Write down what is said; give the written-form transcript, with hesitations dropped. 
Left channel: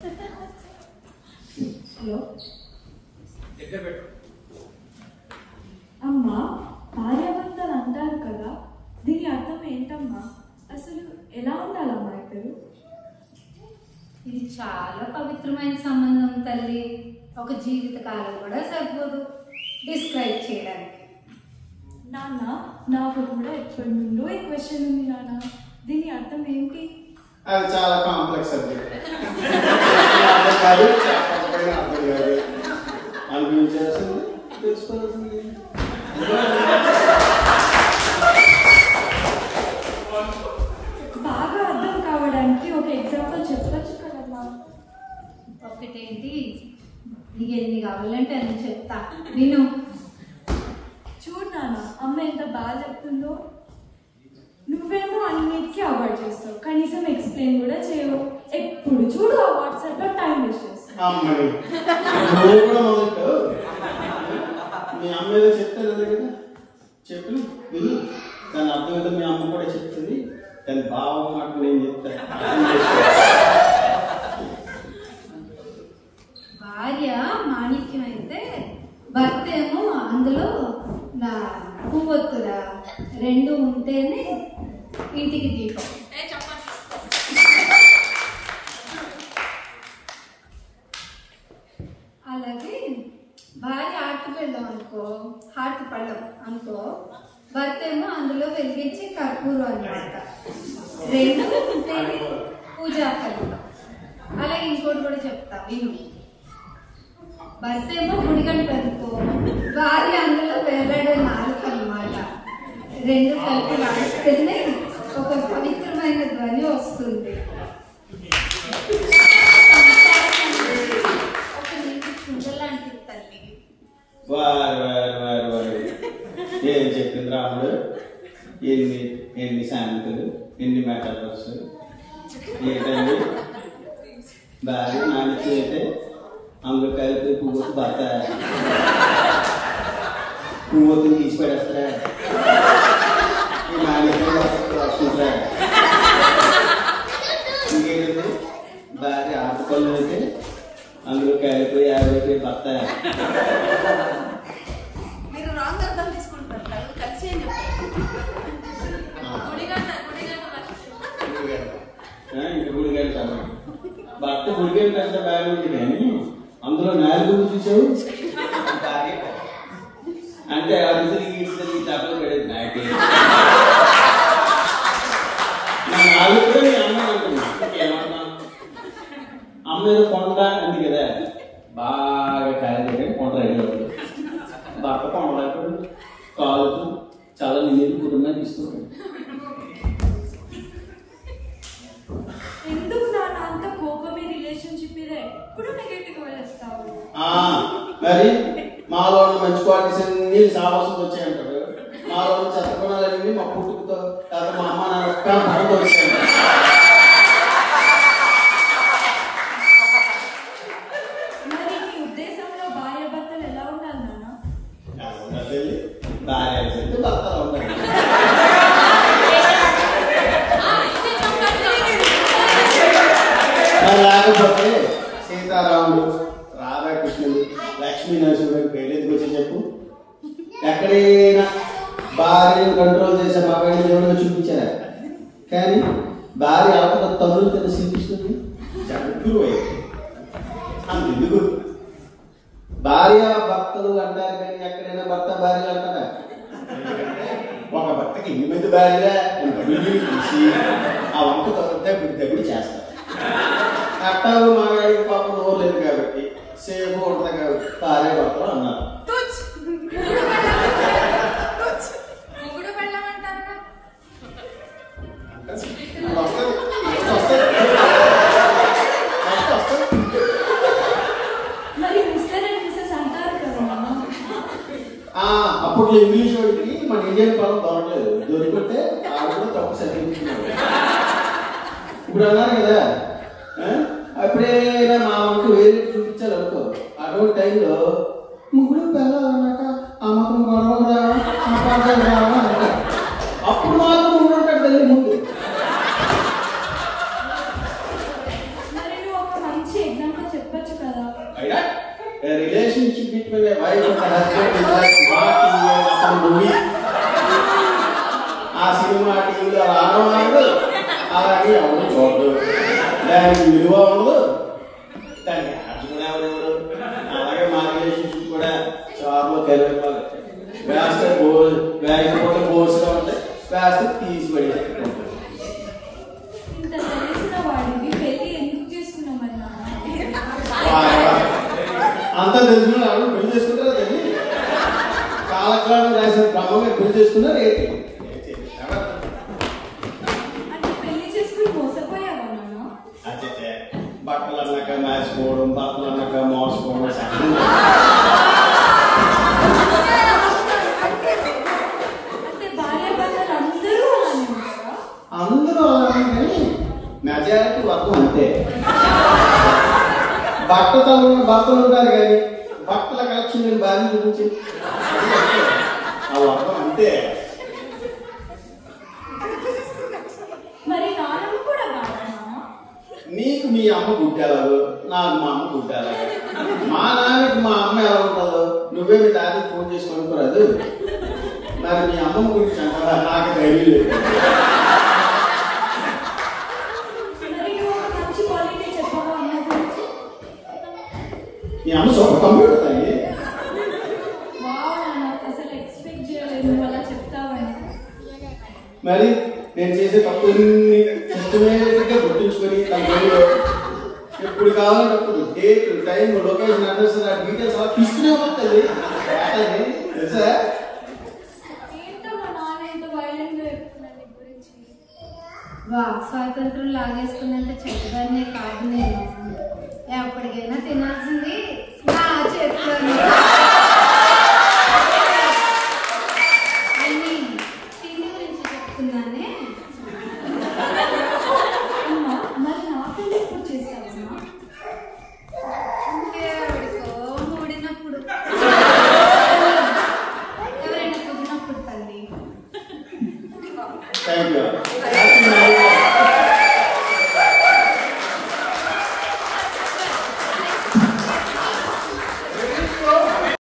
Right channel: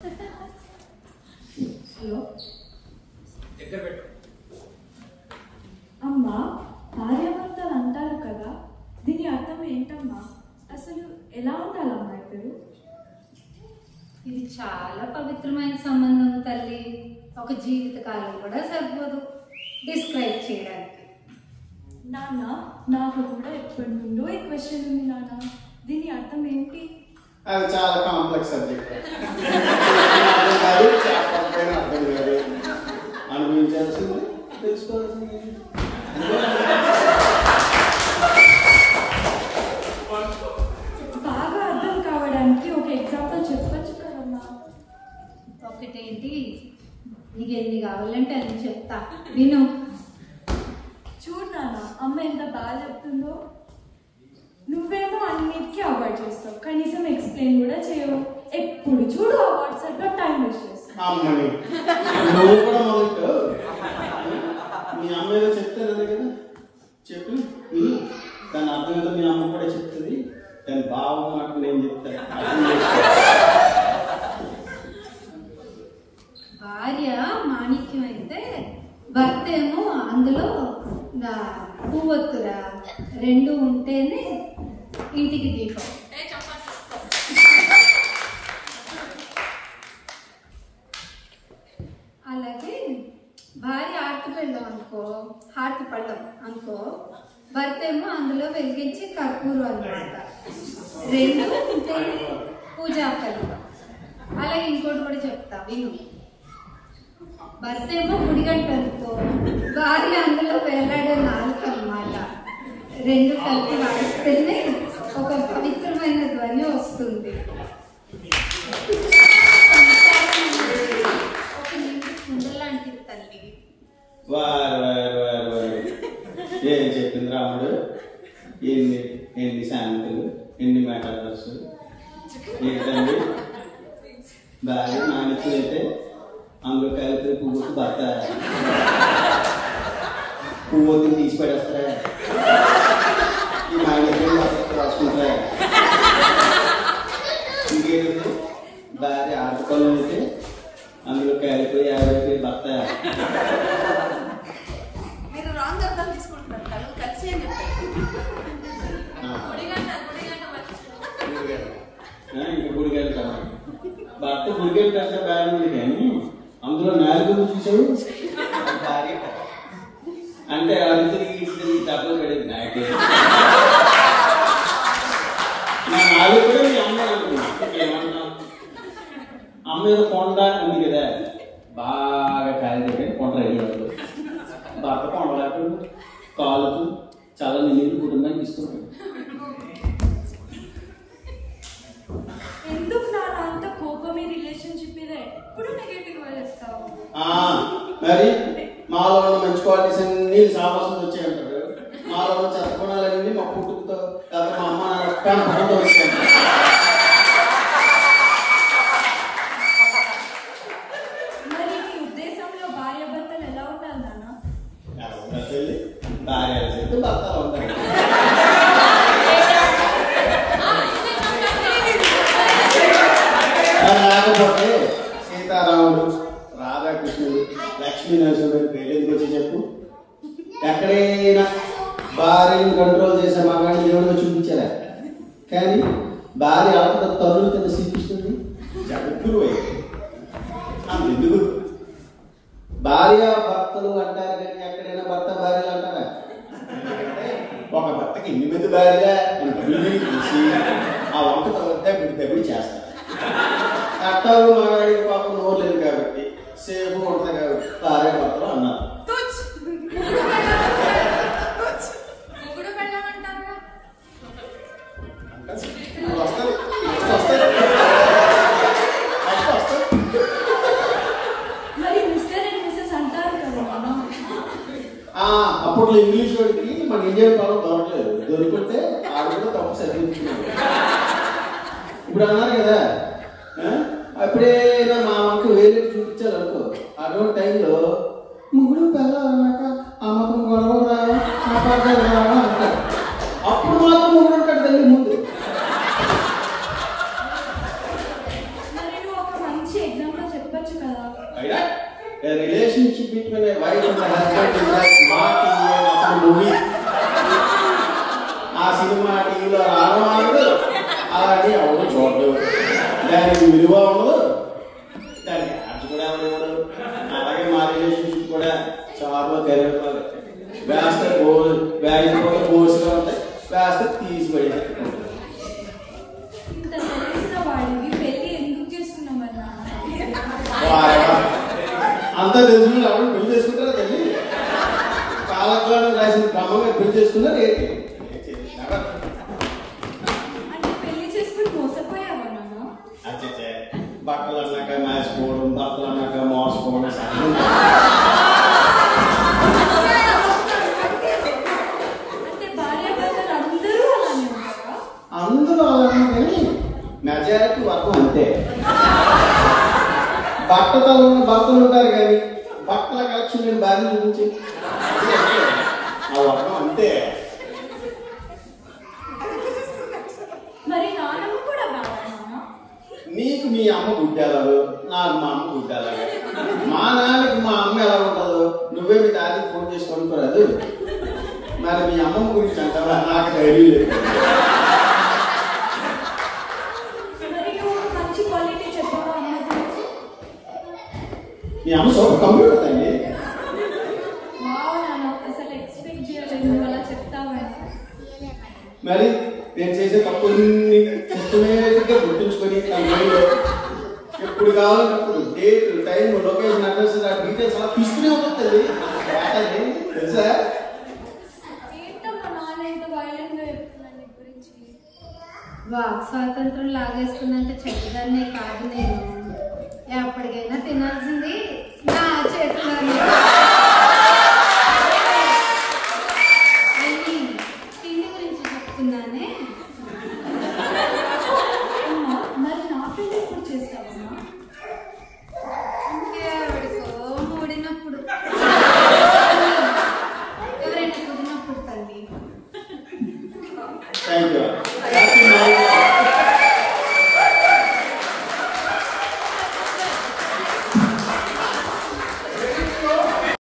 Hello అమ్మా, భార్యాభర్తలు అంటారు కదా, దీని అర్థం ఏంటమ్మా? అసలు ఎలా ఉండాలమ్మా ఇద్దరు? ఇది చాలా పవిత్రమైన సంబంధం తల్లి. ఒక జీవితకాలం కూడా సరిపోదు డిస్క్రైబ్ చేయడానికి. నాన్న, నాకు కూడా ఎప్పటి నుండో ఈ క్వశ్చన్ ఉంది నాన్న. దీని అర్థం ఏంటి? అది చాలా కాంప్లెక్స్ సబ్జెక్ట్. అనిపించాల్సింది తెలుసుకోవాల్సింది. బాగా అర్థం కావడానికి ఒక ఎగ్జాంపుల్ చెప్పచ్చు కదమ్మా? ఒకటేంటి, నీకు ఎన్ని కావాలంటే అన్ని చెప్తా, విను. చూడు నాన్న, అమ్మ ఎంత బాగా చెప్తుందో. నువ్వేమో అన్నిటికీ అవాయిడ్ చేస్తావు, కనీసం ఎక్స్ప్లెయిన్ కూడా చేయవు. ఎప్పుడు చూడు ఆ వాట్సాప్ లో టైం వేస్ట్ చేస్తావు. అమ్మని నువ్వు కూడా మొదలు మీ అమ్మ ఏదో చెప్తారు కదా, చెప్పు విని దాని అర్థం ఏంటో మీ అమ్మ కూడా చెప్తుంది. దాని భావం మాట నేను చెప్తాను. భార్య మాణిక్యం అయితే భర్త ఏమో అందులో నా పువ్వొత్తురా, రెండు ఉంటేనే ఇంటికి దీపం. అలాగే భార్య ఆర్తి పెళ్ళం అనుకో, హార్తి పళ్ళం అనుకో, భర్త ఏమో అందులో వెలిగించి కర్పూరం అన్నమాట. రెండు ఉంటేనే పూజా ఫలితం. అలాగే ఇంకోటి కూడా చెప్తా విను. భర్త ఏమో గుడిగంట అనుకో, భార్య అందులో వేలాడే నాలుగు అన్నమాట. రెండు కలిపి వాడిస్తేనే ఒక పవిత్రమైన ధ్వని వస్తుంది. ఒక నీటి కుండలాంటిది తల్లి. ఏం చెప్పింది రాముడు? ఎన్ని ఎన్ని శాంతులు, ఎన్ని మెటాఫర్స్. ఏంటండి భార్య నాణ్యత అయితే అందులో కలిపి పువ్వుకు భర్త పువ్వుని తీసి పడేస్తారా? ఈ నాణ్యత రాసుకుంటారా? ఇంకేంటి భార్య ఆటపళ్ళు అయితే అందులో కలిపి యాభై భర్త. మీరు రాంగ్ అర్థం తీసుకుంటున్నారు. కలిసి ఇంకా గుడిగారు కదా, భర్త గుడిగారు కంటే బాగా ఉంది. కానీ అందులో నాలుగు చూసావు భార్య అంటే అందరి డబ్బులు పడేది నాకే. నా నాలుగు కూడా మీ అమ్మాయి అనుకున్నా. అమ్మ ఏదో కొండ అంది కదా, బాగా కాయలు కొండ రైలు భర్త కొండలకు కాలుకు చాలా నీరు కుటుంబాన్ని తీసుకున్నాడు. ఎందుకు నాన్న అంత కోపమే రిలేషన్షిప్ మీద ఎప్పుడు నెగటివ్ గా చేస్తావు? మరి మాలో మంచి క్వాలిటీస్ అన్ని సావాసం వచ్చాయంటారు. మాలో చెత్త గుణాలన్నీ మా పుట్టుకతో కాదు, మా అమ్మ నాన్న వచ్చాయి. మరి నీ ఉద్దేశంలో భార్య భర్తలు ఎలా ఉండాలి నాన్న? భార్య చెప్తే భర్తలు ఉంటాయి. లేకపోతే సీతారాముడు, రాధాకృష్ణుడు, లక్ష్మీ నరసింహుడు పెళ్ళికి వచ్చి చెప్పు. ఎక్కడైనా భార్యను కంట్రోల్ చేసే మా బయట ఎవరో చూపించారా? కానీ భార్య అవత తల్లు తిన్న శ్రీకృష్ణుడు జగద్గురు అయ్యాడు. అందుకు భార్య భర్తలు అంటారు కానీ ఎక్కడైనా భర్త భార్యలు అంటారా? ఒక భర్తకి 8 భార్యలే తీసి ఆ వంట దబ్బిడి చేస్తారు. అట్టాలు మాగాడికి పాపం నోర్లేదు కాబట్టి సేఫ్గా ఉంటుంది కాబట్టి భార్య భర్తలు అన్నారు. మొగుడు వెళ్ళమంటారుగా. మరి మిస్టర్ అండ్ మిస్సెస్ అంటారు కదా నాన్న. అప్పుడు ఇంగ్లీష్ వాడికి మన ఇండియన్ పదం దొరకలేదు. దొరికితే ఆవిడ తప్పు చదివించుకున్నాడు. ఇప్పుడు అన్నారు కదా, అప్పుడే మా అమ్మకి వేరే చూపించాలి అనుకో. అటువంటి టైంలో ముగ్గురు పిల్లలు అన్నాక అమ్మకం గొడవలు రావా, అప్పుడు మాత్రం ముగ్గురు ఉంటాడు తల్లి ముందు. మరి నువ్వు ఒక మంచి A relationship between a wife and a husband is like not in a movie. ఆ సినిమా టీవీలో రావడం అలాగే ఎవరు చూడదు, దానికి విలువ ఉండదు, దానికి అర్థం కూడా అలాగే మా రిలేషన్షిప్ కూడా చాలా తెరవాలి. వేస్తే వేయకపోతే బోసుగా ఉంటాయి, వేస్తే తీసిపడి. అంతా తెలుసుకుని ఎవరు పెళ్లి చేసుకుంటారా తల్లి? కాలక్రమం రాసిన బ్రహ్మగా పెళ్లి చేసుకున్నారు ఏంటి? బట్టలు అన్నాక మేసుకోవడం, బట్టలు అన్నాక మోసుకోవడం, అందరూ అలాగే మెజారిటీ వర్గం అంతే. భర్తలు ఉంటారు కానీ బట్టల కలెక్షన్ నేను భార్య చూపించి ఆ వర్గం అంతే. నీకు మీ అమ్మ గుడ్డారు, నాకు మా అమ్మ గుడ్డారు. మా నాన్నకి మా అమ్మ ఎలా ఉంటుందో నువ్వే మీ డాడీకి ఫోన్ చేసి కొనుక్కోరాదు. మరి మీ అమ్మమ్మ గురించి అంటారా? నాకు ధైర్యం లేదు. మీ అమ్మ సోపు కంప్యూటర్ తల్లి. మరి నేను చేసే తప్పుల్ని సిస్టమేటిక్గా గుర్తుంచుకొని ఎప్పుడు కావాలన్నప్పుడు డేట్, టైం, లొకేషన్, అడ్రస్, ఆ డీటెయిల్స్ అలా తీసుకునే వస్తుంది తెలుసా? వాక్ స్వాతంత్రం లాగేసుకున్నంత చెడ్డదాన్నే కాదు నేను. ఎప్పటికైనా తినాల్సింది నా చేతిలోనే. తిండి గురించి చెప్తున్నానే. ఇంకేవాడికో మూడినప్పుడు, ఎవరైనా కుదిరినప్పుడు తల్లి. Thank you.